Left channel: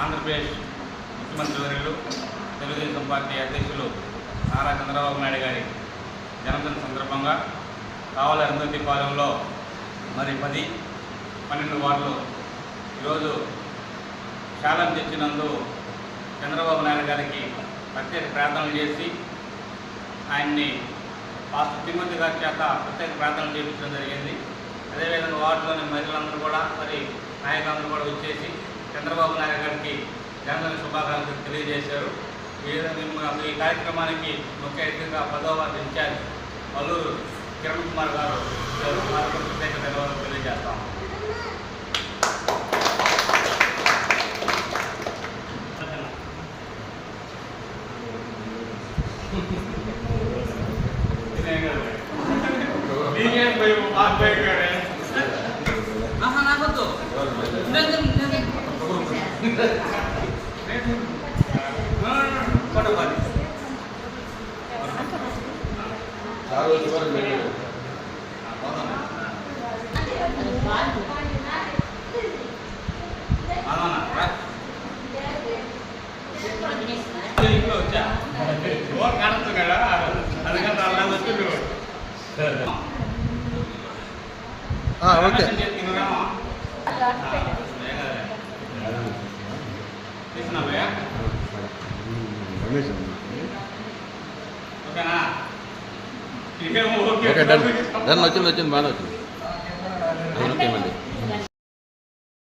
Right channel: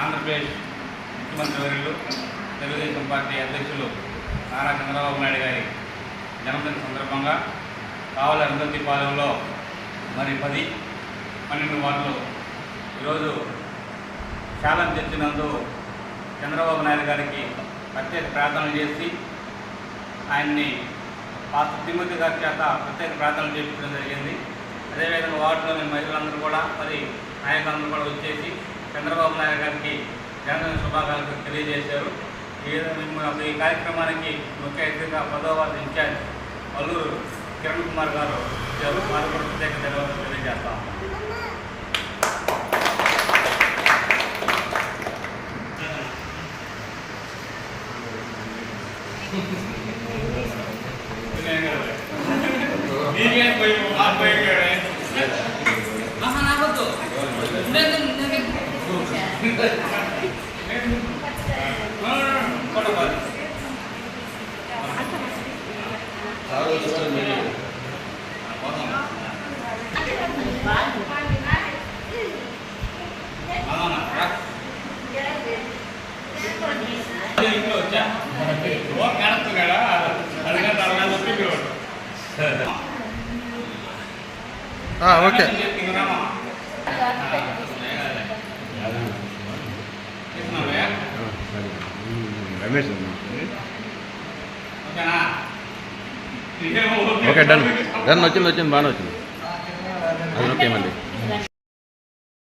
ఆంధ్రప్రదేశ్ ముఖ్యమంత్రి వర్యులు తెలుగుదేశం పార్టీ అధ్యక్షులు నారా చంద్రబాబు నాయుడు గారి జన్మదిన సందర్భంగా కావలి అరుంధతిపాలెంలో మరి 10-12 వార్డులు ఈరోజు ఛాలెంజ్ తెచ్చినందు చంద్రబాబు నాయుడు గారికి ప్రత్యేక ప్రార్థనలు చేసి ఆయన్ని పాస్టర్ తిమ్మతి గారి చేత ప్రత్యేక ప్రార్థనలు చేయించడం జరిగింది. అదేవిధంగా వార్డులోని మహిళలందరూ కూడా మరి నాయకులందరూ కూడా వచ్చేసి చంద్రబాబు నాయుడు గారికి జన్మదిన శుభాకాంక్షలు తెలియజేశారు. ఈ కార్యక్రమానికి ముఖ్య అతిథిగా 10వ వార్డు ఇన్ఛార్జ్ అల్లూరు కిరణ్ కుమార్ గారు వచ్చారు. వారికి కూడా ప్రత్యేక ధన్యవాదాలు తెలియజేస్తాం. ఇంట్లో వచ్చా కాడచ్చు కదా అందుకంటే అలా వచ్చి మీరు ఓకే ఓకే డన్ వచ్చింది బాగానే వచ్చింది ఓకే అండి.